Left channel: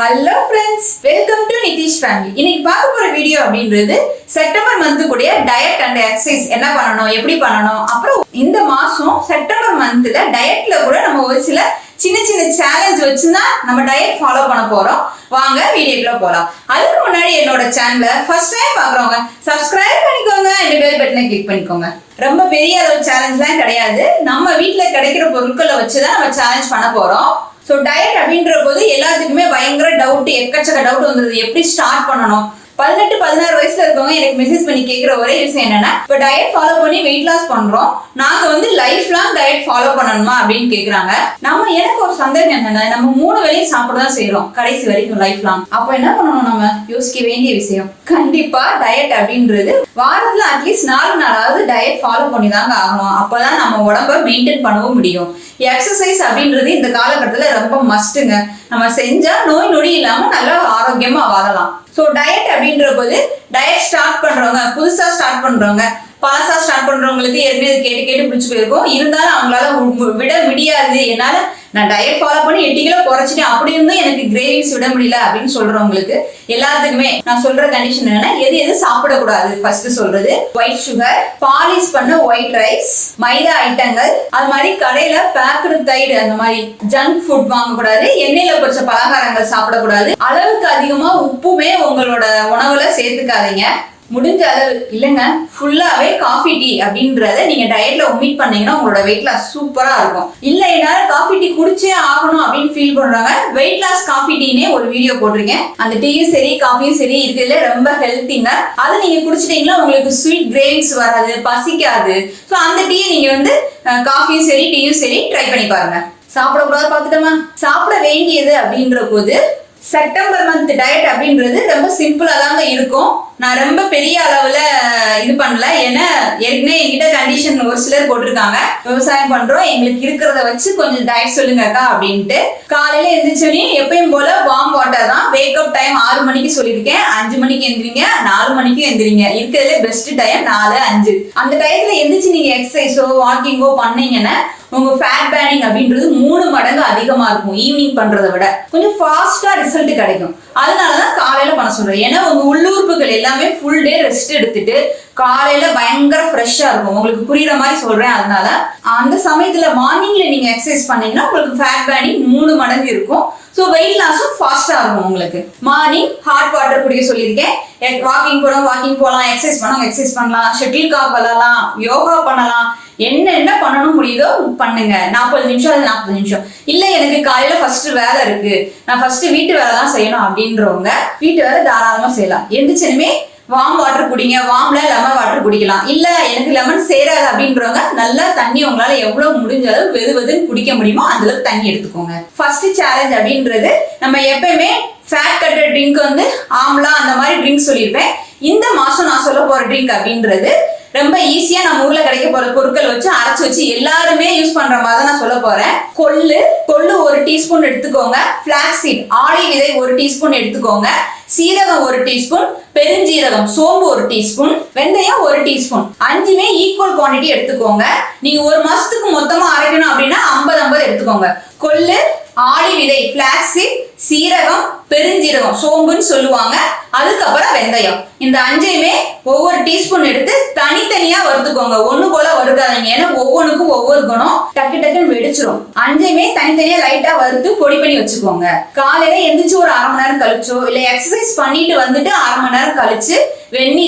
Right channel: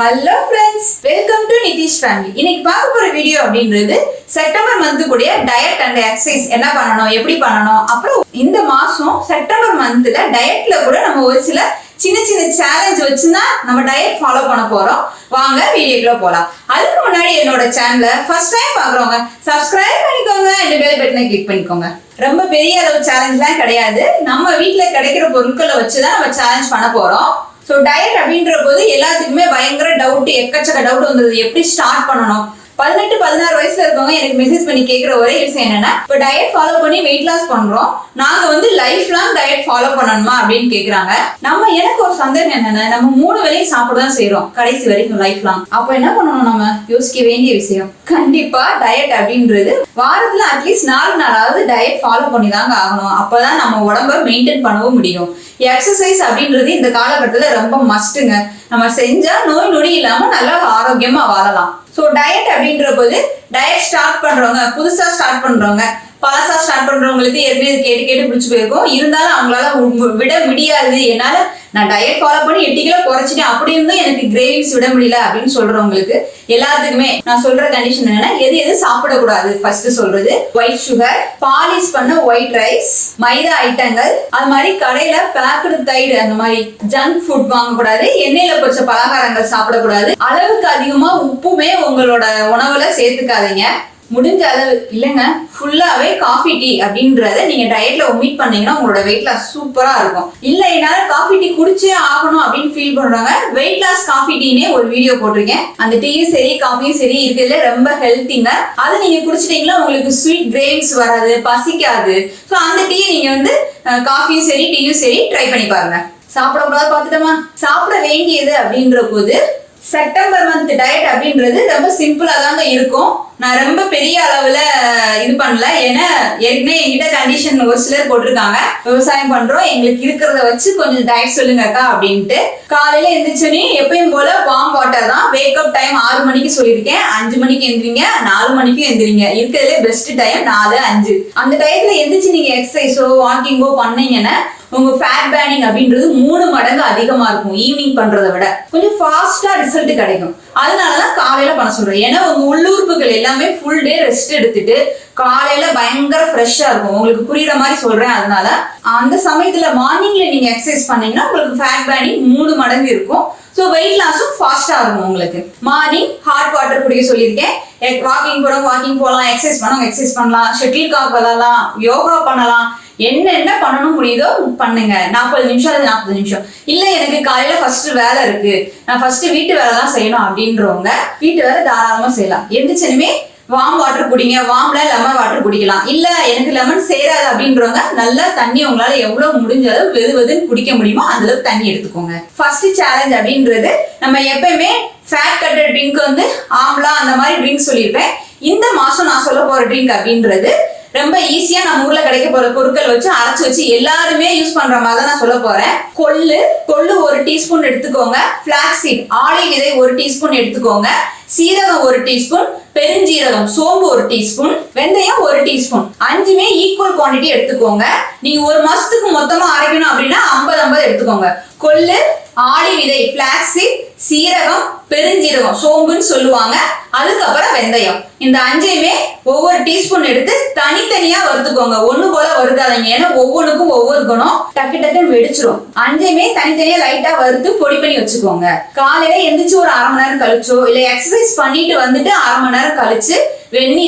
Hello friends, welcome to Nitish family. இன்னைக்கு பார்க்க போற வீடியோ அப்படின்றது செப்டம்பர் மந்த் கூடிய டயட் அண்ட் எக்ஸசைஸ் என்ன பண்ணணும், எப்படி பண்ணணும். அப்புறம் இந்த மாசம் செப்டம்பர் மந்த்ல டயட்ல கூட நம்ம ஒரு சில சின்ன சின்ன சேலஞ்ச் வச்சுதான் நம்ம டயட் ஃபாலோ பண்ண போறோம். வாங்க வீடியோக்குள்ள போலாம். அதுக்கு முன்னாடி என்னோட சேனலை ஃபர்ஸ்ட் டைம் பாக்குறவங்க சப்ஸ்கிரைப் பண்ணிக்கோங்க, இந்த பெல் பட்டனை கிளிக் பண்ணிக்கோங்க. ரொம்ப பெரிய அளவு சேலஞ்ச்லாம் கிடையாது. நம்ம வீட்டுல கிடைக்கிற பொருட்களை வச்சுதான் நம்ம சேலஞ்ச் பண்ண போறோம். ஸோ டயட் அப்படின்ற போது எல்லாத்துக்குமே பயங்கர டவுட், எக்கச்சக்க டவுட் வந்துருது. எப்படி ஸ்டார்ட் பண்ணணும்? 18-16 வயசுல இருக்கவங்க எனக்கு மெசேஜ் பண்ணி கேட்குற ஒரே விஷயம் என்னன்னா, இப்போ டயட் ஃபாலோ பண்ணி வெயிட் லாஸ் பண்றோம், நாங்க லைஃப் லாங் டயட் ஃபாலோ பண்ணணுமா அப்படின்னு கேக்குறாங்க. எனக்கு ஒரு சந்தேகம் என்னன்னா, நம்ம 3 வேளையும் சாப்பிடதான் செய்யறோம் கடைசி வரைக்கும் லைஃப் லாங். அப்போ என்ன பண்ணணும்? நம்ம யோசிக்க வேண்டிய விஷயம் கண்டிப்பா டயட் அப்படின்றது வாரத்துல அட்லீஸ்ட் 4 நாளாவது டயட் ஃபாலோ பண்ணி தாங்க ஆகணும். அப்பதான் நம்ம உடம்ப மெயின்டைன் பண்ணவும் முடியும். எக்ஸசைஸ் அப்படின்றது இந்த காலகட்டத்துல ரொம்ப மஸ்ட்டுங்க. நம்ம செஞ்சா நோய் நொடி இல்லாம நல்லா ஆரோக்கியமா வாழலாம். ஸோ டயட் அப்படின்ற போது டயட் ஸ்டார்ட் பண்றவங்க, புதுசா ஸ்டார்ட் பண்றவங்க, பழசா ஸ்டார்ட் பண்றவங்களுக்கு ஏற்கனவே கேட்டு கேட்டு பிடிச்சி போயிருக்கும். இருந்தாலும் அவங்களால விட முடியாது. என்னால நான் டயட் ஃபாலோ பண்ணி 8 கிலோ குறைச்சிட்டேன், அப்படி இருந்தும் எனக்கு கிரேவிங்ஸ் விட முடியல அப்படின்னு சொல்றவங்களுக்கு எல்லாத்துக்குமே நான் சொல்ற கண்டிஷன் என்னன்னா, எது சாப்பிடக்கூடாது. ஃபர்ஸ்ட் சொல்றது ஒயிட் சுகர், பாலிஷ் பண்ண ஒயிட் ரைஸ், மைதா ஐட்டங்கள், அது மாதிரி கடையில பேக்கடு தயிர், அந்த மாதிரி ஜங்க் ஃபுட் வாங்கக்கூடாது. எண்ணெயில பொரிச்ச பலகாரங்கள் சாப்பிடக்கூடாது. அளவுக்கு அதிகமா உப்புமே உங்களோட உணவுல சேர்த்துக்காதீங்க. முடிஞ்ச அளவு இல்லைங்க, ஃபுல்லாவே காஃபி டீ அப்படின்றத நீங்க டயட்ல ஒமிட் பண்ணீங்கன்னா உங்களோட வெயிட் லாஸ் சூப்பரா இருக்கும். இல்ல என்னால காஃபி டீ குடிச்சே ஆகணும் அப்படின்னு ஃபீல் பண்றாங்க, வெயிட் லாஸ் காஃபி டீனே ஒரு வீடியோ போட்டிருக்கேன். அந்த டீயும் சரி காஃபியும் சரி இருக்கிறதுல ரொம்ப ஹெல்த்திங்க. அதை நீங்க குடிச்சிட்டீங்கன்னா உங்களுக்கு ஸ்வீட் கிரேவிங்ஸ் வராது, பசிக்காது. ஸோ அந்த டீயை நீங்க காஃபியும் சரி டீயும் சரி ட்ரை பண்ணி பாருங்க. சாப்பிடக்கூடாது பார்த்துட்டோமா? சாப்பிட வேண்டியது அப்படின்ற போது செப்டம்பர் மந்த் டயட் அப்படின்றது ரொம்ப சிம்பிளா தாங்க இருக்கும். நான் ரொம்ப பெரிய அளவுல இது பண்ணல. ஏன்னா ஏற்கனவே என்கிட்ட கண்டிஷன் ஒரு சிலர் போட்டிருக்காங்க, விவசாயம் பண்றோம், எங்களுக்கு இருக்கிறத வச்சு கொஞ்சம் டயட் சொல்லுங்க அக்கா அப்படின்ட்டு. காலையில எந்திரிச்சோன்னே எப்பயும் போல வார்ம் வாட்டர் தான். வேக்கப் டைம் 6 மணிக்கு சொல்லியிருக்கேன். 5 மணிக்கு எந்திரிங்க, 4 மணிக்கும் எந்திரிங்க. இருக்கிறதுல பெஸ்ட் டைம் 4-5. அந்த டயத்துல எந்திரிச்சு நீங்க எக்ஸசைஸோ வாக்கிங்கோ பண்ணீங்கன்னா உங்க ஃபேட் பேர்னிங் அப்படின்றது 3 மடங்கு அதிகமா இருக்கும். ஈவினிங் பண்றதை விட கொஞ்சம் ஃபாஸ்டா ரிசல்ட் கிடைக்கும். அதனாலதான் காலையில பண்ண சொல்றேன். ஏன்னா உங்க உள்ளுறுப்புகள் எல்லாமே ஃபுல் டே ரெஸ்ட் எடுத்துட்டு காலையில பயங்கர ஃப்ரெஷ்ஷா இருக்கும். உங்களுக்கு புரியுற மாதிரி சொல்றேன். அதனால அந்த சமயத்துல மார்னிங்ல நீங்க எக்ஸசைஸ் பண்ணீங்கன்னா உங்களுக்கு ஃபேட் பேர்னிங் 3 மடங்கு இருக்கும். ஸோ வெயிட் லாஸும் ஃபாஸ்டா இருக்கும் உங்களுக்கு. மார்னிங் ஹாட் வாட்டர் குடிக்க சொல்லியிருக்கேன். வாக்கிங் போகலாம், எக்ஸசைஸ் பண்ணவங்க எக்ஸசைஸ் பண்ணலாம், ஷட்டில் காக் விளையாடலாம், யோகா பண்ணலாம், என்ன பண்ணணும் முடியுதோ பண்ணுங்க. 40 நிமிஷம் அல்லது 40 நிமிஷம். இல்ல எனக்கு காலையில ஃபர்ஸ்ட் வேலை இருக்கு, நான் ஃபர்ஸ்ட் வீட்டு வேலை தான் செய்யணும் அப்படின்றவங்க வீட்டு வேலை தாராளமா செய்யலாம். எந்திரிச்சனுமே வார்ம் வாட்டர் குடிங்க. வார்ம்ல லெமன் வாட்டர் குடிக்கலாம். இல்ல எனக்கு லெமன் சேராது அப்படின்றவங்க நல்லா தண்ணி உங்களால எவ்வளவு முடிஞ்ச அளவு வெதுன்னு குடிக்க முடியுமோ அந்த அளவுக்கு தண்ணி எடுத்துக்கோங்க. ஃபர்ஸ்ட் சேலஞ்ச் அப்படின்றது நம்ம எப்பயுமே ஃபேட் கட்டர் ட்ரிங்க் ஆம்லா அந்த மாதிரி ட்ரிங்க் சொல்லியிருப்பேன். இந்த மாசம் நான் சொல்ல போற ட்ரிங்க் அப்படின்றது ரொம்ப ஈஸியா நம்ம ஊர்ல கிடைக்க போற பொருட்கள் வச்சு அரைச்சு வச்சு எல்லாருமே யூஸ் பண்ற மாதிரி தான் நான் சொல்ல போறேன். கொள்ளு 1 டீஸ்பூன் எடுத்துக்கோங்க. பிளாக்ஸீட் ஆளி விதை 1 டீஸ்பூன் எடுத்துக்கோங்க. சீரகம் 1 டீஸ்பூன், பெருஞ்சீரகம், சோம்பு 1 டீஸ்பூன், வெந்தயம் 1 டீஸ்பூன். 5மே ஈக்குவல் குவான்டிட்டி எடுத்துக்கோங்க. நீங்க ஒரு மாசத்துக்கு மொத்தமா அரைக்கணும் அப்படின்னா 50-50 எடுத்துக்கோங்க. கொள்ளு, ஆளி விதை, பிளாக்ஸீட், சீரகம், பெருஞ்சீரகம், சோம்புன்னு சொல்லுவாங்க. அதுக்கப்புறம் வெந்தயம். இந்த 5மே ஒவ்வொரு டீஸ்பூன் எடுத்து தனித்தனியா வறுத்துக்கோங்க. ஒண்ணு போல வறுக்காதீங்க. ஏன்னா ஒவ்வொன்றுக்கும் ஒவ்வொரு குணம், டக்குன்னு வெடிச்சிரும். 5மே தனித்தனியா லைட்டா வறுத்து பொடி பண்ணி வச்சுக்கோங்க. காலையில எந்திரிச்சு ஒரு 1/2 மணி நேரம் கழிச்சோ இல்ல எக்ஸசைஸ் பண்ணிட்டு வந்துட்டு 1/2 மணி நேரம் கழிச்சு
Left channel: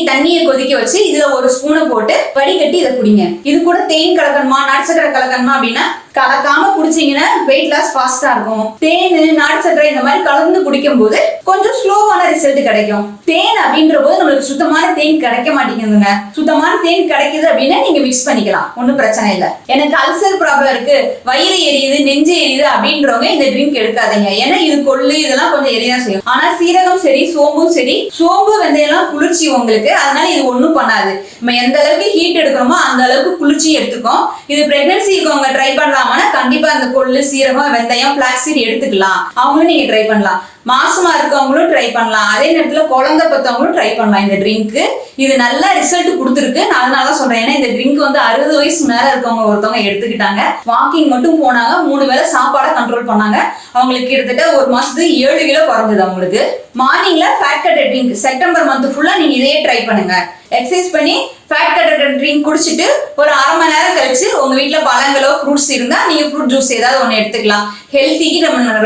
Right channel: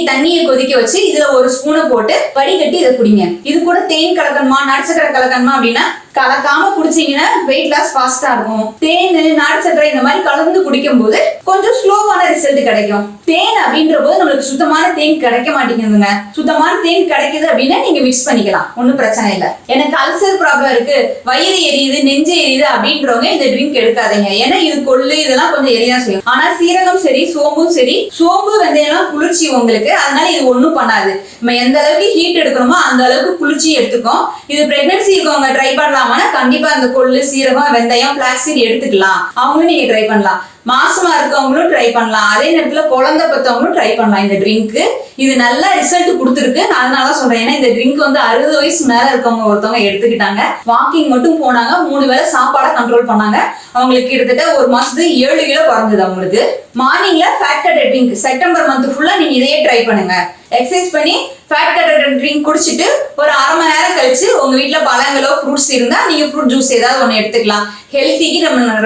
தண்ணியை கொதிக்க வச்சு இதுல 1 ஸ்பூனை போட்டு வடிகட்டி இதை குடிங்க. இது கூட தேன் கலக்கணுமா, நாட்டு சக்கரை கலக்கணுமா அப்படின்னா கலக்காம குடிச்சீங்கன்னா வெயிட் லாஸ் ஃபாஸ்டா இருக்கும். தேன், நாட்டு சக்கரை இந்த மாதிரி கலந்து குடிக்கும் போது கொஞ்சம் ஸ்லோவான ரிசல்ட் கிடைக்கும். தேன் அப்படின்ற போது நம்மளுக்கு சுத்தமான தேன் கிடைக்க மாட்டேங்குதுங்க. சுத்தமான தேன் கிடைக்குது அப்படின்னா நீங்க மிக்ஸ் பண்ணிக்கலாம், ஒன்னும் பிரச்சனை இல்லை. எனக்கு அல்சர் ப்ராப்ளம் இருக்கு, வயிறு எரியுது, நெஞ்சு எரியுது அப்படின்றவங்க இந்த ட்ரிங்க் எடுக்காதீங்க. ஏன்னா இது கொள்ளு இதெல்லாம் கொஞ்சம் எரியதான் செய்யும். ஆனா சீரகம் சரி, சோம்பும் சரி, சோம்பு வெந்தயம்லாம் குளிர்ச்சி உங்களுக்கு, அதனால இது ஒண்ணும் பண்ணாது. நம்ம எந்த அளவுக்கு ஹீட் எடுக்கிறோமோ அந்த அளவுக்கு குளிர்ச்சி எடுத்துக்கும். இது பிரெக்னன்சி இருக்கவங்க ட்ரை பண்ணலாம். எடுத்துக்கலாமா? கண்டிப்பா இந்த கொள்ளு, சீரகம், வெந்தயம், பிளாக்ஸ் சீட் எடுத்துக்கலாம். அவங்களும் நீங்க ட்ரை பண்ணலாம். மாசமா இருக்கவங்களும் ட்ரை பண்ணலாம். அதே நேரத்துல குழந்தை பத்தவங்களும் ட்ரை பண்ணலாம் இந்த ட்ரிங்க். இது நல்ல ரிசல்ட் கொடுத்துருக்கு. நான் அதனால சொல்றேன். ஏன்னா இந்த ட்ரிங்க் வந்து 60 வயசு மேல இருக்கவங்க ஒருத்தவங்க எடுத்துக்கிட்டாங்க. வாக்கிங் மட்டும் போனாங்க, 3 வேளை சாப்பாடை கண்ட்ரோல் பண்ணாங்க. அவங்களுக்கு கிட்டத்தட்ட ஒரு மாசத்துக்கு 7 கிலோ குறைஞ்சது அவங்களுக்கு. மார்னிங்ல fat cutter drink September month ஃபுல்லா நீங்க இதையே ட்ரை பண்ணுங்க. எக்ஸசைஸ் பண்ணி ஃபேட் கட்டர் ட்ரிங்க் குடிச்சிட்டு ஒரு அரை மணி நேரம் கழிச்சு உங்க வீட்டுல பழங்களோ ஃப்ரூட்ஸ் இருந்தா நீங்க ஃப்ரூட் ஜூஸ் ஏதாவது ஒண்ணு எடுத்துக்கலாம். ஹெல்த்திக்கு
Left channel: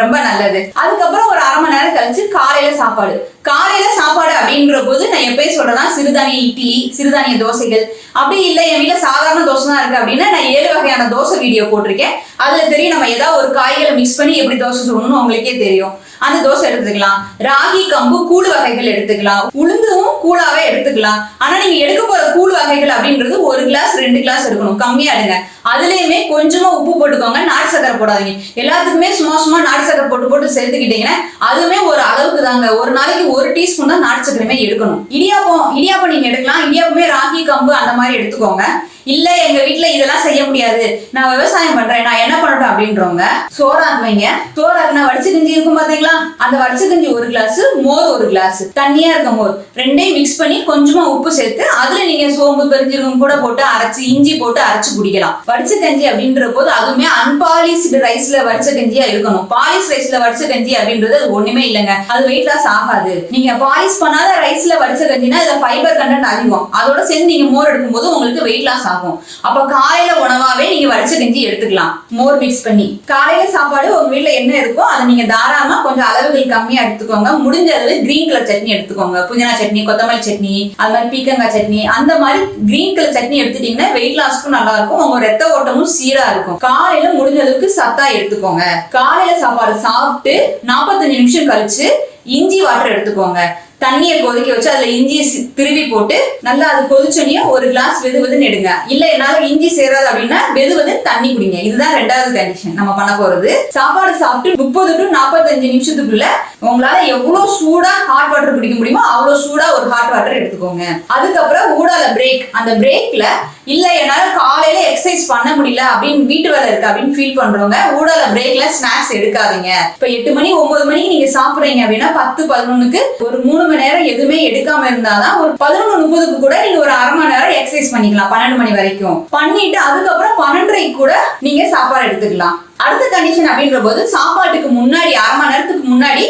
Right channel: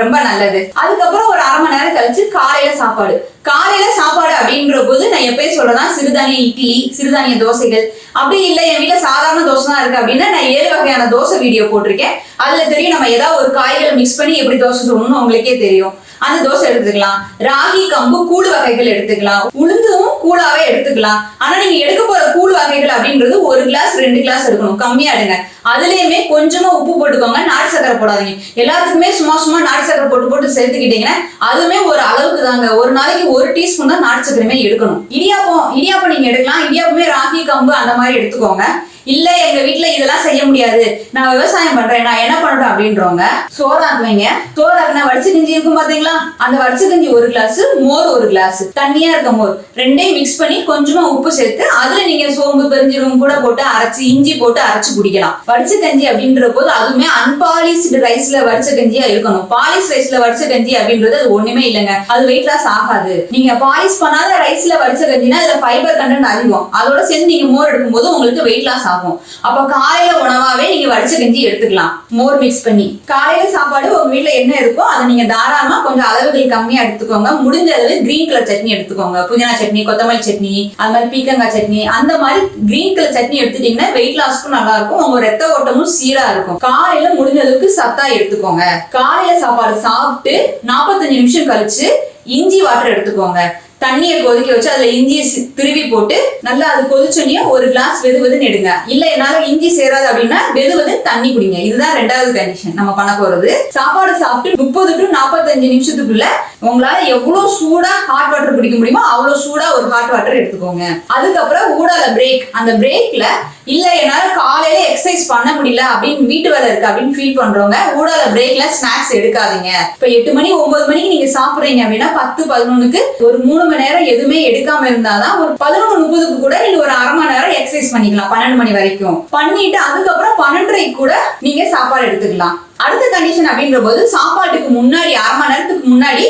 ரொம்ப நல்லது. அதுக்கப்புறம் ஒரு அரை மணி நேரம் கழிச்சு காலையில சாப்பாடு அப்படின்ற போது நான் எப்பயும் சொல்றேன், சிறுதானிய இட்லி, சிறுதானிய தோசைகள். அப்படி இல்லை என் வீட்டுல சாதாரண தோசை தான் இருக்கு அப்படின்னா நான் 7 வகையான தோசை வீடியோ போட்டிருக்கேன். அதுல தெரியும் நம்ம ஏதாவது ஒரு காய்களை மிக்ஸ் பண்ணி எப்படி தோசை சொல்லணும்னு உங்களுக்கே தெரியும். அந்த தோசை எடுத்துக்கலாம். ராகி, கம்பு, கூழ் வகைகள் எடுத்துக்கலாம். உளுந்தும் கூழாவே எடுத்துக்கலாம். ஆனா நீங்க எடுக்க போற கூழ் வகைகள் அப்படின்றது 1 கிளாஸ் 2 கிளாஸ் எடுக்கணும். கம்மியா எடுங்க. அதுலயுமே கொஞ்சமா உப்பு போட்டுக்கோங்க. நாட்டு சக்கரை போடாதீங்க. எல்லாத்துக்குமே சும்மா நாட்டு சக்கரை போட்டு சேர்த்துக்கிட்டீங்கன்னா அதுவுமே ஒரு அளவுக்கு தாங்க. ஒரு நாளைக்கு 1 டீஸ்பூன் தான் நாட்டு சக்கரையுமே எடுக்கணும். இடியாப்பம் நீங்க எடுக்கலாம். இடியாப்பமே ராகி, கம்பு அந்த மாதிரி எடுத்துக்கோங்க. இல்ல எங்க வீட்டுல இதெல்லாம் செய்ய முடியாது, நான் விவசாயம் பண்றேன், நான் என்ன பண்ணட்டும் அப்படின்றவங்க சோறாக்குவீங்க. சோறாக்குனா வடிச்சு கஞ்சி இருக்கும் பாத்தீங்களா? அந்த வடிச்சு கஞ்சி 1 கிளாஸ், மோர் 1 கிளாஸ், தண்ணியா இருக்க மோர் ரெண்டையும் மிக்ஸ் பண்ணி கொஞ்சமா உப்பு சேர்த்து அதுல நீங்க சோம்பு, பெருஞ்சீரகம் கூட போட்டு அரைச்சு, இஞ்சி போட்டு அரைச்சு குடிக்கலாம். வடிச்ச கஞ்சி அப்படின்ற போது அதுவுமே அன்பாலிஷ்டு ரைஸ்ல வடிச்ச கஞ்சியா இருக்கணும். பாலிஷ் ரைஸ்ல வடிச்ச கஞ்சி அப்படின்றது அது ஒண்ணுமே இல்லைங்க. அது வெயிட் லாஸ் ஆகாது. நீங்க பாலிஷ் பண்ணாத ரைஸ்ல வடிச்ச கஞ்சினா அதுல ஃபைபர் கண்டென்ட் அதிகம். அதோட சேர்ந்து நீங்க மோர் எடுக்கும் போது உங்களுக்கு வெயிட் லாஸ் ஆகும். அப்ப காலையில உணவாவே நீங்க வடிச்ச கஞ்சி எடுத்துக்கலாம், மோர் மிக்ஸ் பண்ணி. காலையில சாப்பாடு உங்க வீட்டுல என்ன இருக்கோ அதை நீங்க தாராளமா கொஞ்சம் அளவுகள் கம்மியா எடுத்துக்கோங்க. முடிஞ்ச அளவு கிரீன் கலர் சட்னி எடுத்துக்கோங்க. புதினா சட்னி, கொத்தமல்லி சட்னி, அது மாதிரி பீக்கங்காய் சட்னி, அந்த மாதிரி கிரீன் கலர் சட்னி எடுத்துட்டீங்கன்னா வெயிட் லாஸ்க்கும் நல்லா இருக்கும். உங்க ரத்த ஓட்டமும் சீரா இருக்கும். காலையில முடிஞ்ச அளவுக்கு சத்தா எடுத்துக்கோங்க. காலையில சாப்பாடு சாப்பிட்டு 45 நிமிஷம் கழிச்சு இஞ்சி வாட்டர் எடுத்துக்கோங்க. தண்ணியை கொதிக்க வச்சு அதுல இஞ்சியை திருவி போட்டு நல்லா அது கொதிச்சோனையும் 1 கிளாஸ் வெதுவெதுன்னு எடுங்க. இல்ல என்னால இஞ்சி சேராது அப்படின்னா வெதுவெதுன்னு தண்ணி குடிங்க. இதுதான் 2வது கண்டிஷன் நம்ம பண்ண போறது. சாப்பாடு சாப்பிட்டு 30 to 45 நிமிஷத்துக்குள்ள உங்களால எவ்வளவு சூடா ஹாட் வாட்டர் குடிக்க முடியுமோ அவ்வளவு சூடா ஒரு ஹாட் வாட்டர் எடுத்துக்கோங்க. அதுக்கப்புறம் ஊடால பிரேக். அந்த பிரேக்ல இல்ல என்னால காலையில எக்ஸசைஸ் பண்ண முடியல அப்படின்னு வீட்டு வேலை இருக்கு அப்படின்னு ஃபீல் பண்றவங்க ஊடால பிரேக்ல ஸ்நாக்ஸ் எடுக்காதீங்க. இப்ப 8 மணி 9 மணிக்கு நீங்க சாப்பிடுறீங்க அப்படின்னா 10-11க்கு ஒரு 3 மணி நேரம் எதுவுமே எடுக்காம இருந்தாதான் ஒரு 11:30க்கு கூட நீங்க ஒரு அரை மணி நேரம் எக்ஸசைஸ் பண்ணிக்கலாம். 12 மணி வரைக்கும் பண்ணிட்டு அதுக்கப்புறம் 12:30க்கு கூட நீங்க சாப்பாடு எடுத்துக்கலாம். அடுத்த கண்டிஷன் அப்படின்ற போது சாப்பாட்டுக்கு முன்னாடி அரை மணி நேரத்துக்கு முன்னாடி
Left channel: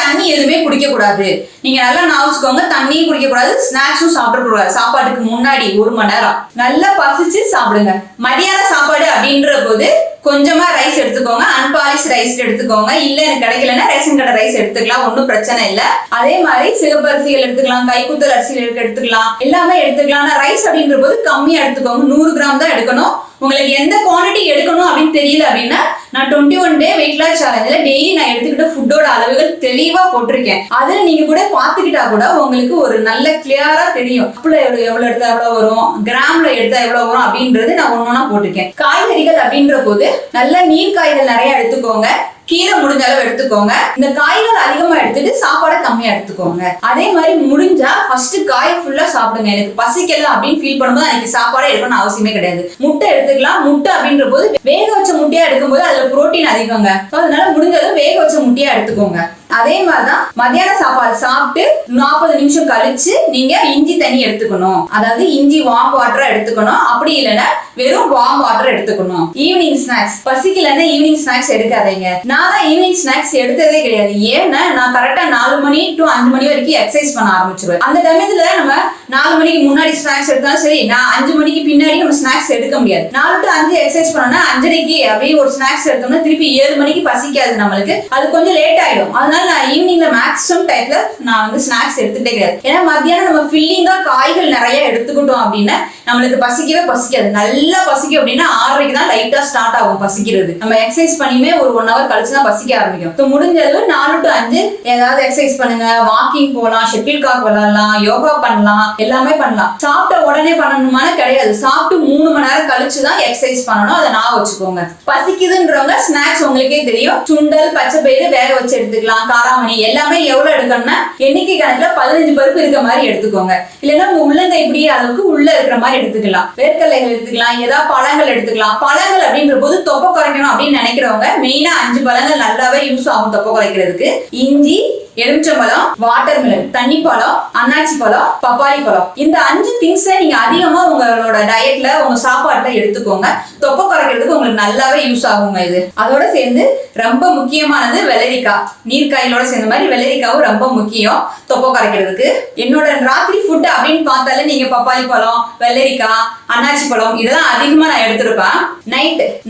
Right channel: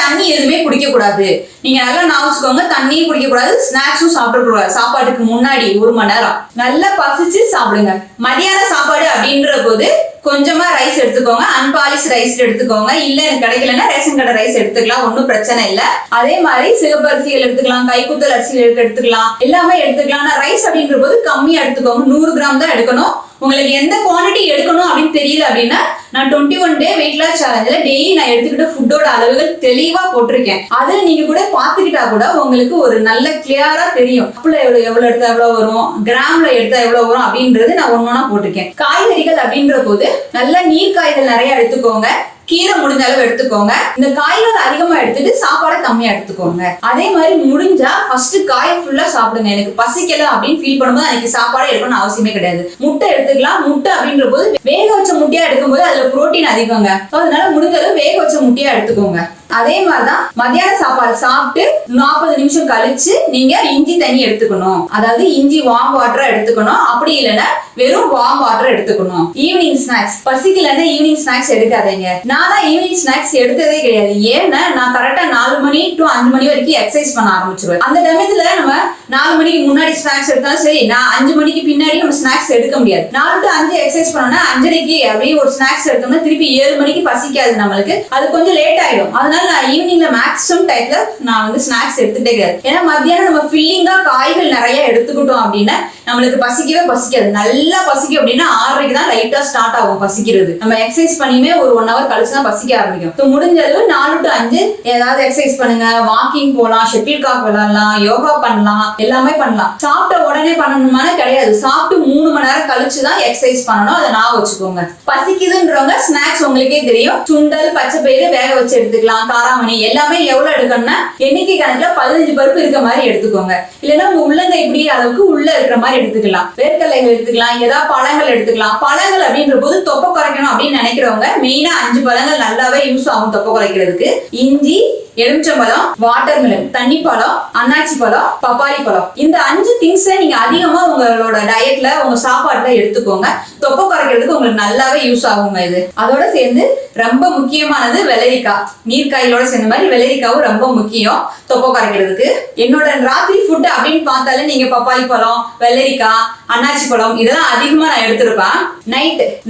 தண்ணி எதுவுமே குடிக்க கூடாது. நீங்க நல்லா ஞாபகம், தண்ணியும் குடிக்க கூடாது, ஸ்நாக்ஸும் சாப்பிடக்கூடாது. சாப்பாட்டுக்கு முன்னாடி 1 மணி நேரம் நல்லா பசிச்சு சாப்பிடுங்க. மதியான சாப்பாடு அப்படின்ற போது கொஞ்சமா ரைஸ் எடுத்துக்கோங்க. அன்பாலிஷ் ரைஸ் எடுத்துக்கோங்க. இல்ல எனக்கு கிடைக்கலன்னா ரேஷன் கடை ரைஸ் எடுத்துக்கலாம், ஒன்னும் பிரச்சனை இல்ல. அதே மாதிரி சிகப்பரிசிகள் எடுத்துக்கலாம், கைக்குத்தல் அரிசிகள் எடுத்துக்கலாம், எல்லாமே எடுத்துக்கலாம். ஆனா ரைஸ் அப்படின்ற போது கம்மியா எடுத்துக்கோங்க. 100 கிராம் தான் எடுக்கணும். உங்களுக்கு எந்த குவான்டிட்டி எடுக்கணும் அப்படின்னு தெரியல அப்படின்னா நான் 21 டே வெயிட் லாஸ் சேலஞ்சில் டெய்லி நான் எடுத்துக்கிட்ட ஃபுட்டோட அளவுகள் தெளிவா போட்டிருக்கேன். அதுல நீங்க கூட பாத்துக்கிட்டா கூட உங்களுக்கு ஒரு நல்ல கிளியரா தெரியும். எவ்வளவு எடுத்தா எவ்வளவு வரும், கிராம்ல எடுத்தா எவ்வளவு வரும் அப்படின்றது நான் ஒன்னொன்னா போட்டிருக்கேன். காய்கறிகள் அப்படின்ற போது நல்ல நீர் காய்கள் நிறைய எடுத்துக்கோங்க. கீரை முடிஞ்ச அளவு எடுத்துக்கோங்க. இந்த காய்கள் அதிகமா எடுத்துட்டு சாப்பாடை கம்மியா எடுத்துக்கோங்க. அதே மாதிரி முடிஞ்சா ஃபர்ஸ்ட் காயை ஃபுல்லா சாப்பிடுங்க. எனக்கு பசிக்கல அப்படின்னு ஃபீல் பண்ணும்போது எனக்கு சாப்பாடே எடுக்கணும்னு அவசியமே கிடையாது. முட்டை எடுத்துக்கலாம். முட்டை அப்படின்ற போது வேக வச்ச முட்டையா எடுக்கும்போது அதுல புரோட்டீன் அதிகங்க. அதனால முடிஞ்ச அளவு வேக வச்ச முட்டையா எடுத்துக்கோங்க. அதே மாதிரிதான் மத்தியான சாப்பாடு சாப்பிட்டு 40 நிமிஷம் கழிச்சு நீங்க இஞ்சி தண்ணி எடுத்துக்கணும். அதாவது இஞ்சி வார்ம் வாட்டரா எடுத்துக்கணும். அப்படி இல்லைன்னா வெறும் வார்ம் வாட்டர் எடுத்துக்கணும். ஈவினிங் ஸ்நாக்ஸ் பசிக்கலன்னா ஈவினிங் ஸ்நாக்ஸ் எடுக்காதீங்க. நான் தான் ஈவினிங் ஸ்நாக்ஸ் எடுத்ததே கிடையாது. ஏன்னா நான் கரெக்டா 4 மணி to 5 மணி வரைக்கும் எக்ஸசைஸ் பண்ண ஆரம்பிச்சிருவேன். அந்த சமயத்துல நம்ம 4 மணிக்கு முன்னாடி ஸ்நாக்ஸ் எடுத்தாலும் சரி, நான் 5 மணிக்கு பின்னாடி நம்ம ஸ்நாக்ஸ் எடுக்க முடியாது. 4 to 5 எக்ஸசைஸ் பண்ணோம்னா 5:30க்கு அப்படியே ஒரு ஸ்நாக்ஸ் எடுத்தோம்னா திருப்பி 7 மணிக்கு பசிக்காது நம்மளுக்கு. அது கொஞ்சம் லேட் ஆயிடும். அதனால நான் ஈவினிங்ல மேக்ஸிமம் டைம்ல நான் வந்து ஸ்நாக்ஸ் எடுத்துட்டே கிடையாது. ஏன்னா மத்தியானம் நம்ம ஃபில்லிங்கா காய்கள் நிறைய எடுத்துக்கிட்டோம் அப்படின்னா நம்மளுக்கு பசிக்கவே பசிக்காது. நல்லா பசிக்கும் அப்படின்னா 6:30க்கு தான் லைட்டா ஸ்டார்ட் ஆகும் பசிக்கிறது. நம்ம எக்ஸசைஸ் பண்ணியுமே ஒரு 1 hour கழிச்சு தான் பசிக்க ஆரம்பிக்கும். முடிஞ்ச அளவு 4 to 5 ஏதாவது எக்ஸசைஸ் பண்ணுங்க. வாக்கிங் போகலாம், ஷட்டில் காக் விளையாடலாம், யோகா பண்ணலாம், எல்லாமே பண்ணலாம். சாப்பிட்ட உடனே பண்ணணுமான கிடையாது. சாப்பிட்டு 3 மணி நேரம் கழிச்சு தான் எக்ஸசைஸ் பண்ணணும். அதை நான் வச்சுக்கோங்க. பசிக்குதுன்றவங்க ஸ்நாக்ஸ் உங்களுக்கே தெரியும். சுண்டல், பச்சை பயிறு வேக வச்சு எடுத்துக்கலாம். எடுத்துக்கலாம், காராமணி எல்லாமே எவ்வளவு எடுக்கணும்னா எண்ணிக்கை கணக்குல 15 பருப்பு இருக்க மாதிரி எடுத்துக்கோங்க. இல்லைன்னா உங்க உள்ளங்கை இப்படி அளவுக்கு உள்ள இருக்கிற மாதிரி எடுத்துக்கலாம். வேர்க்கடலைகள் எடுத்துக்கலாம், ஏதாவது பழங்கள் எடுத்துக்கலாம். பழங்கள் அப்படின்ற போது தொப்பை குறைக்கணும் அப்படின்னு நினைக்கிறவங்க மெயினா 5 பழங்கள் நல்லாவே யூஸ் ஆகும் தொப்பை குறைக்கிறதுக்கு. இஞ்சி, எலுமிச்சம்பழம், வாட்டர்மெலன், தண்ணி பழம், அன்னாச்சி பழம், பப்பாளி பழம். இந்த 5 திங்ஸை நீங்க அதிகமா உங்களோட டயட்ல உங்க சாப்பாட்டுல எடுத்துக்கோங்க. தொப்பை குறைக்கிறதுக்கு உங்களுக்கு நல்லாவே யூஸ் ஆகுங்க இது. அதோட சேர்ந்து ரொம்ப முக்கியமானது வெள்ளரிக்காய். நீர்க்காய்களோட சேர்ந்த மாதிரி வெள்ளரிக்காவும் ரொம்ப முக்கியம் தொப்பை குறைக்கிறதுக்கு. என்னோட ராத்திரி ஃபுட் அப்படின்னு பார்த்தாலே நீங்க பப்பாளி பழம், வெள்ளரிக்காய், அன்னாச்சி பழம் இதெல்லாம் அதிகமா நான் எடுத்திருப்பேன்.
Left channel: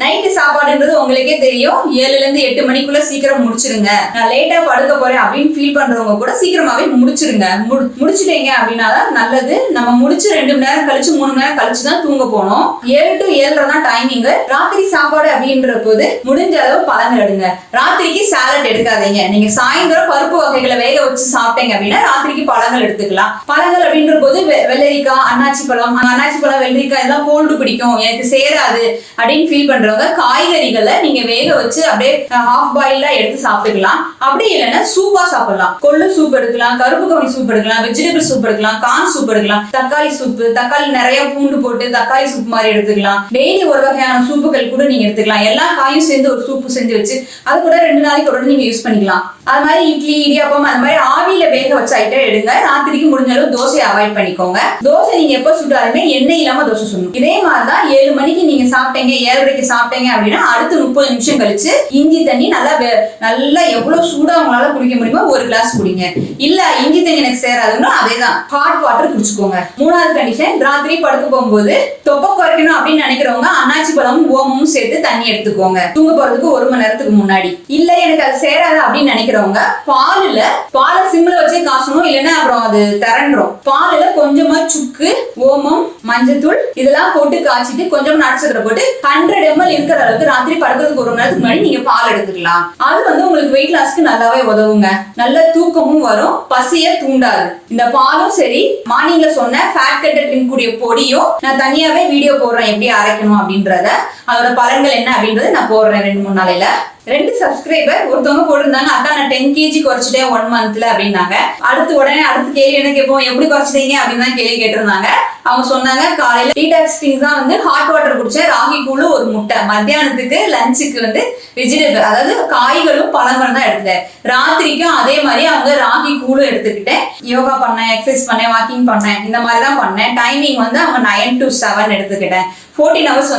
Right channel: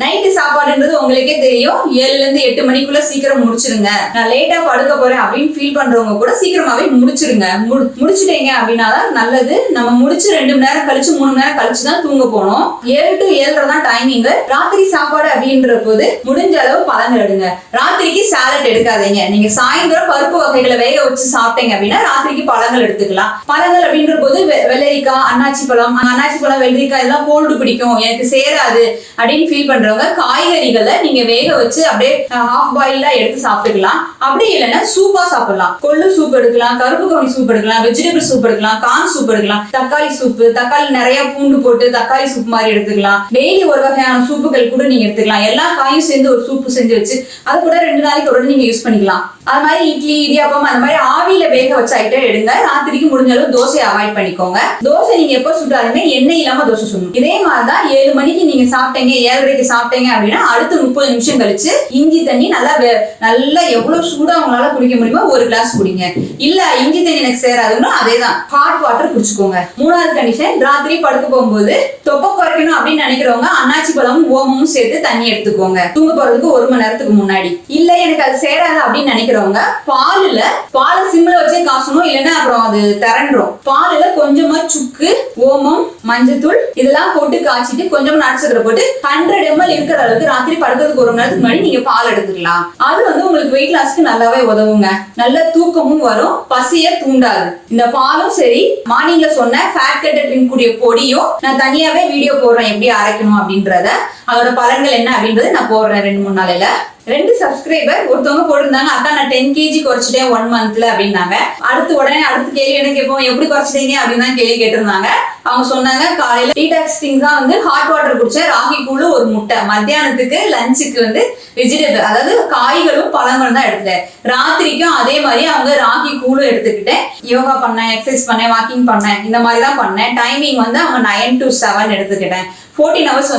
நைட்டு சாப்பாடுன்றது உங்களுக்கே தெரியும், 7ல இருந்து 8 மணிக்குள்ள சீக்கிரம் முடிச்சிருங்க. நான் லேட்டா படுக்க போறேன் அப்படின்னு ஃபீல் பண்றவங்க கூட சீக்கிரமாவே முடிச்சிருங்க. முடிச்சிட்டீங்க அப்படின்னா தான் நல்லது. நம்ம முடிச்சு 2 மணி நேரம் கழிச்சு 3 மணி நேரம் கழிச்சு தான் தூங்க போனோம். 7 to 7:30 தான் டைமிங். ராத்திரி சாப்பாடு அப்படின்ற போது முடிஞ்ச அளவு பழங்கள் எடுங்க. ராத்திரிக்கு சாலட் எடுக்காதீங்க. நீங்க சாயந்தரம் பருப்பு வகைகளை வேக வச்சு சாப்பிட்டீங்க அப்படின்னா ராத்திரிக்கு பழங்கள் எடுத்துக்கலாம். பழங்கள் அப்படின்ற போது வெள்ளரிக்காய், அன்னாச்சி பழம், வெள்ளரிக்காய் எல்லாம் கோல்டு பிடிக்கும், எனக்கு சேராது அப்படின்னு ஃபீல் பண்றவங்க காய்கறிகளை நீங்க வேக வச்சு அப்படியே ஹாஃப் பாயிலா எடுத்து சாப்பிட்டுக்கலாம். அப்படி இல்லைன்னா சூப்பா சாப்பிடலாம். கொள்ளு சூப் எடுக்கலாம், கருப்பு கவுனி சூப் எடுக்கலாம், வெஜிடபிள் சூப் எடுக்கலாம், கார்ன் சூப் எடுக்கலாம், தக்காளி சூப், தக்காளி நிறைய பூண்டு போட்டு தக்காளி சூப் மாதிரி எடுத்துக்கலாம். டெய்லி ஒரு வகையான சூப்புகள் கூட நீங்க எடுத்துக்கலாம். எல்லா காயும் சேர்ந்து ஒரு சூப்பு செஞ்சு வச்சு அது கூட 2 நாளைக்கு ஒரு நீங்க யூஸ் பண்ணிக்கலாம். அது மாதிரி இட்லி, இடியாப்பம் அந்த மாதிரி ஆவியில வேக வச்ச ஐட்டம் எடுங்க. ராத்திரிக்கு முடிஞ்ச அளவு தோசையை அவாய்ட் பண்ணிக்கோங்க. தோசை நீங்க எப்ப சுட்டாலுமே எண்ணெய் இல்லாம தோசை சுடணும். இதே மாதிரிதான் 7 மணிக்கு நீங்க சாப்பிட்டீங்க, 7:30க்கு சாப்பிட்டீங்க அப்படின்னா அடுத்து 30 நிமிஷம் கழிச்சு இஞ்சி தண்ணி நல்லா எவ்வளவு சூடா உங்களால குடிக்க முடியுமோ ஒரு கிளாஸ் குடிங்க. இல்ல இஞ்சி தண்ணி எனக்கு சேராதுன்னா அதேதான் ஹாட் வாட்டர் குடிச்சுக்கோங்க. 3வது கண்டிஷன், ராத்திரி படுக்க போகும்போது தொப்பை குறைக்கணும் அப்படின்னு நினைக்கிறவங்க அன்னாச்சி பழமும் ஓமமும் சேர்த்து தண்ணி எடுத்துக்கோங்க தூங்க போறதுக்கு 1 மணி நேரத்துக்கு முன்னாடி. இல்ல எனக்கு அது சேராது அப்படின்னு நினைக்கிறவங்க பாலை சிம்ல வச்சே காசணும், இல்லைன்னா அப்புறம் அது திரண்டுரும். பாலுல கொஞ்சமா சுக்கு, ஓமம், மஞ்சத்தூள் இதெல்லாம் போட்டு காய்ச்சிட்டு கொஞ்சமா நட்சத்திர போட்டு 100 ml இருக்கிற அளவுக்கு ராத்திரி படுக்கிறதுக்கு 1 மணி நேரத்துக்கு முன்னாடி நீங்க பால் எடுத்துக்கலாம். அது உங்களுக்கு வெயிட் லாஸ்க்கு நல்லாவே உதவுங்க. நல்ல தூக்கமும் வரும், பசிய தூண்டாது. இந்த பாலும் சரி, மார்னிங்ல சொன்ன ஃபேட் கட்டட் ட்ரிங்க் கூடிய பொடியும் நான் தனியாவே வீடியோ போடுறேன் எப்படி அரைக்கணும் அப்படின்றத. அதோட பலன்கள் என்ன அப்படின்றது நான் போடுறேன் 2-3 நாளையில. 2 சப்ஸ்கிரைபர் ஒருத்தவங்க போட்டிருந்தாங்க, அக்கா நான் 10 kg குறைச்சிட்டேன் 1 monthல அப்படின்னாங்க. உடனே அடுத்த கேள்வி என்ன கேட்போம், எப்படி குறைச்சிட்டீங்க அப்படின்னு தான் கேள்வி கேட்டிருந்தாங்க. அவங்க சொன்னாங்க, காலையில டீடாக்சிங் தான் ஹாட் வாட்டர் குடிச்சேன், ராகி கூழ், ஒரு முட்டை, மத்தியானத்துக்கு லஞ்சுக்கு வெஜிடபிள் அதாவது காய்களும் பழங்களும் தான் எடுத்துட்டேன். ராத்திரிக்கும் அதே மாதிரி அவங்க ராகி கூழும் எடுத்துக்கிட்டேன். யோகா பண்ணேன், எக்ஸசைஸ் பண்ணேன், வாக்கிங் பண்ணேன், இந்த மாதிரி தான் பண்ணேன். டைமிங் அவங்க 9 to 7 எடுத்துக்கிட்டேன். 14 hours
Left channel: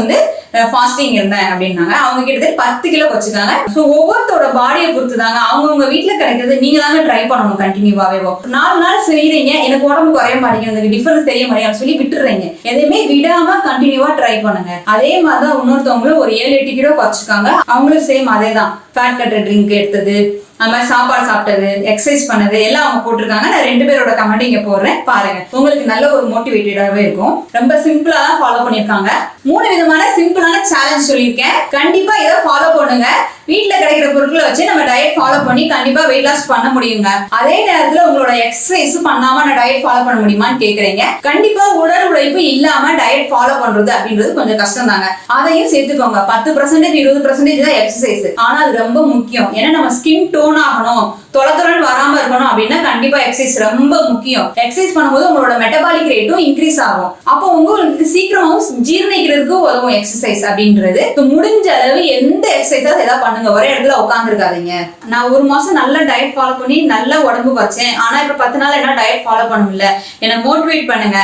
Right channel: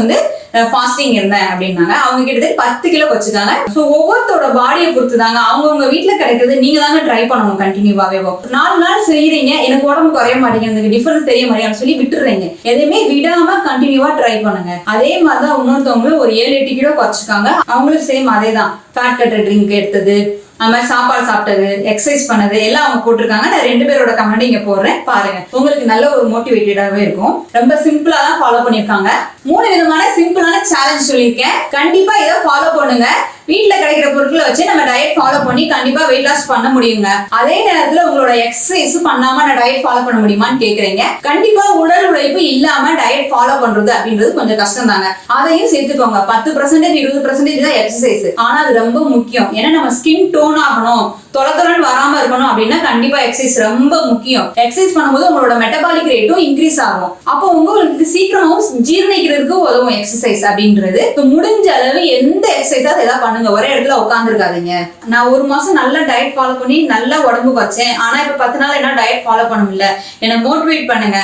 ஃபாஸ்டிங் இருந்தேன் அப்படின்னாங்க. அவங்க கிட்டத்தட்ட 10 கிலோ வச்சுக்காங்க. ஸோ ஒவ்வொருத்தோட பாடியை பொறுத்து தாங்க அவங்கவுங்க வீட்டில் கிடைக்கிறது நீங்க தாங்க ட்ரை பண்ணணும் கண்டினியூவாவே. 4 நாள் செய்யறீங்க, எனக்கு உடம்பு குறைய மாட்டேங்குது, டிஃபரன்ஸ் தெரிய மாட்டேங்குது சொல்லி விட்டுறீங்க. எதையுமே விடாம கண்டினியூவா ட்ரை பண்ணுங்க. அதே மாதிரிதான் இன்னொருத்தவங்களும் ஒரு 7-8 கிலோ குறைச்சிருக்காங்க. அவங்களும் சேம் அதே தான், ஃபேட் கட்டர் ட்ரிங்க் எடுத்தது, அது மாதிரி சாப்பாடு சாப்பிட்டது, எக்ஸசைஸ் பண்ணது எல்லாம் அவங்க போட்டிருக்காங்க. நான் 2 பேரோட கமெண்ட் இங்க போடுறேன், பாருங்க. உங்களுக்கு நல்ல ஒரு மோட்டிவேட்டடாவே இருக்கும். ரொம்ப சிம்பிளா தான் ஃபாலோ பண்ணிருக்காங்க. 3 விதமான சிம்பிளான சேலஞ்ச் சொல்லியிருக்கேன். கண்டிப்பா இதை ஃபாலோ பண்ணுங்க. வீட்டுல கிடைக்கிற பொருட்களை வச்சு நம்ம டயட் ஃபாலோ பண்ணி கண்டிப்பா வெயிட் லாஸ் பண்ண முடியுங்க. அதே நேரத்துல உங்களோட எக்ஸசைஸ் பண்ணாம நான் டயட் ஃபாலோ பண்ண முடியுமான்னு கேக்குறீங்க. கண்டிப்பா உடல் உழைப்பு இல்லாம டயட் ஃபாலோ பண்றது அப்படின்றது கொஞ்சம் கஷ்டம் தாங்க. அதையும் சேர்த்துக்கோங்க. 10% 20% தான் எக்ஸசைஸ். ஆனா அது ரொம்ப முக்கியம். ஏன்னா நம்ம ஸ்கின் டோன் ஆகணும், தொலைத்தொலன்னு வராம இருக்கணும் அப்படின்னா கண்டிப்பா எக்ஸசைஸ் ரொம்ப முக்கியம். எக்ஸசைஸ் பண்ணும்போது உங்களோட மெட்டபாலிக் ரேட்டும் இன்க்ரீஸ் ஆகும். அப்போ உங்களுக்கு சீக்கிரமாவும் ஜீரணிக்கிறதுக்கு உதவும் எக்ஸசைஸ் அப்படின்றது. முடிஞ்ச அளவு எந்த எக்ஸசைஸாவது ஏதாவது பண்ணுங்க, ஒரே இடத்துல உட்கார்ந்து இருக்காதீங்க. நான் 1 மாசம் நல்ல டயட் ஃபாலோ பண்ணி நல்ல உடம்பு குறைச்சேன், ஆனா இப்ப 10 நாள் என்ன டயட் ஃபாலோ பண்ண முடியல, எனக்கு மோட்டிவேட் பண்ணுங்க,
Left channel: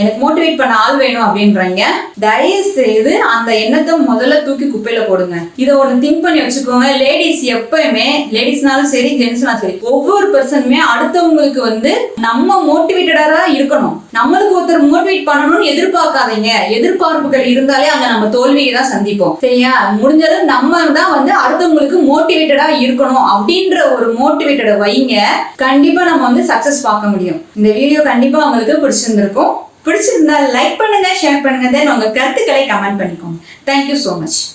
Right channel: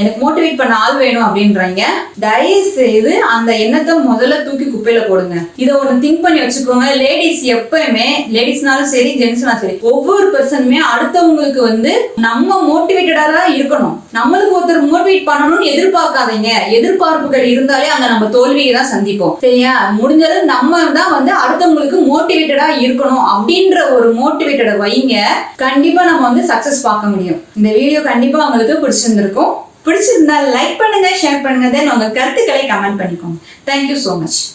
எனக்கு மோட்டிவேட் பண்ண ஆள் வேணும் அப்படின்றீங்க. தயவு செய்து அந்த எண்ணத்தை முதல்ல தூக்கி குப்பையில போடுங்க. இதை ஒண்ணு திங்க் பண்ணி வச்சுக்கோங்க. லேடிஸ் எப்பயுமே, லேடிஸ்னாலும் சரி ஜென்ஸ்னாலும் சரி, ஒவ்வொரு பர்சனுமே அடுத்தவங்களுக்கு நம்ம மோட்டிவேட்டடா தான் இருக்கணும். நம்மளுக்கு ஒருத்தர் மோட்டிவேட் பண்ணணும்னு எதிர்பார்க்காதீங்க. எதிர்பார்ப்புகள் இருந்தாலே அங்க நம்ம தோல்வியை தான் சந்திப்போம். சரியா? முடிஞ்சது நம்ம தான் அடுத்தவங்களுக்கு மோட்டிவேட்டடா இருக்கணும் அப்படின்ற ஒரு மோட்டிவேட்டட வைங்க. கண்டிப்பா நம்ம சக்சஸ் பார்க்க முடியும். இந்த வீடியோ கண்டிப்பா உங்களுக்கு பிடிச்சிருந்திருக்கும். பிடிச்சிருந்தா லைக் பண்ணுங்க, ஷேர் பண்ணுங்க, தென் உங்க கருத்துக்களை கமெண்ட் பண்ணிக்கோங்க. Thank you so much.